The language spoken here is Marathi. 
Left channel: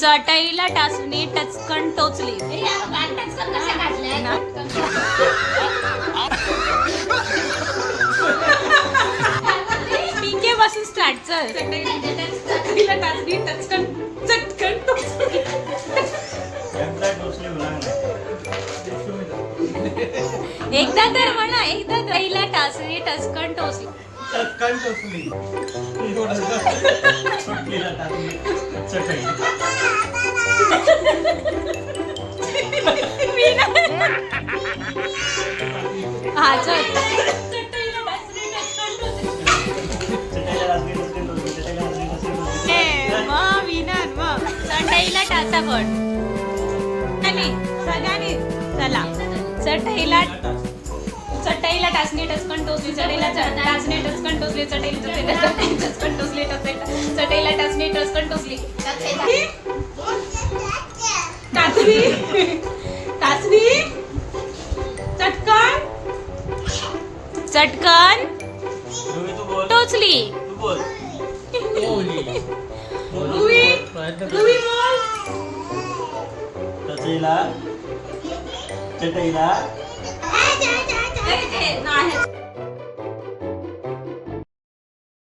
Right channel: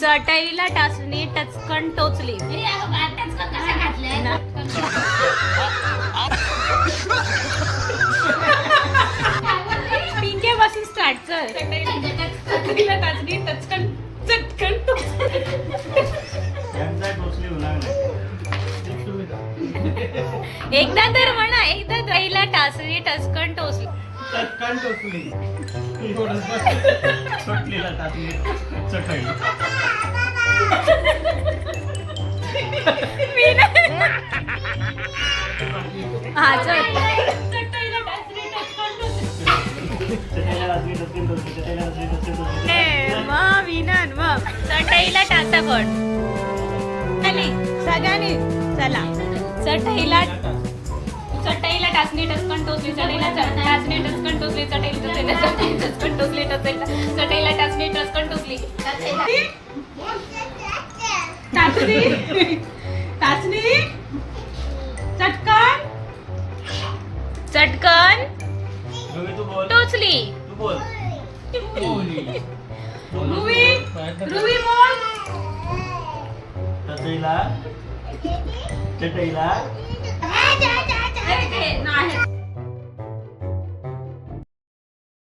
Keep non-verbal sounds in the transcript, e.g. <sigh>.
चटईला टाचणी टचकन टोचली. ना. पिंके पासून स्टार्ट चल टचकन चटकन एकदा तर म्हणा एकदा चटईला टाचणी टचकन टोचली. चटकन टोचली. <laughs> सुटली ना हा चल चटईला टाचली टचकन टोचली चटईला विनन मग चटईला टाचा पण सगळ्यांनी चला चटईला चटईला टाचणी टचकन टोचली चटईला टाचणी टचकन टोचली चटईला टाचणी टाचणी चटकन। चटकन। रुही तू बोल। टोचली। तू बोल। रुई रुई बोल। टचलीला चटईला नाही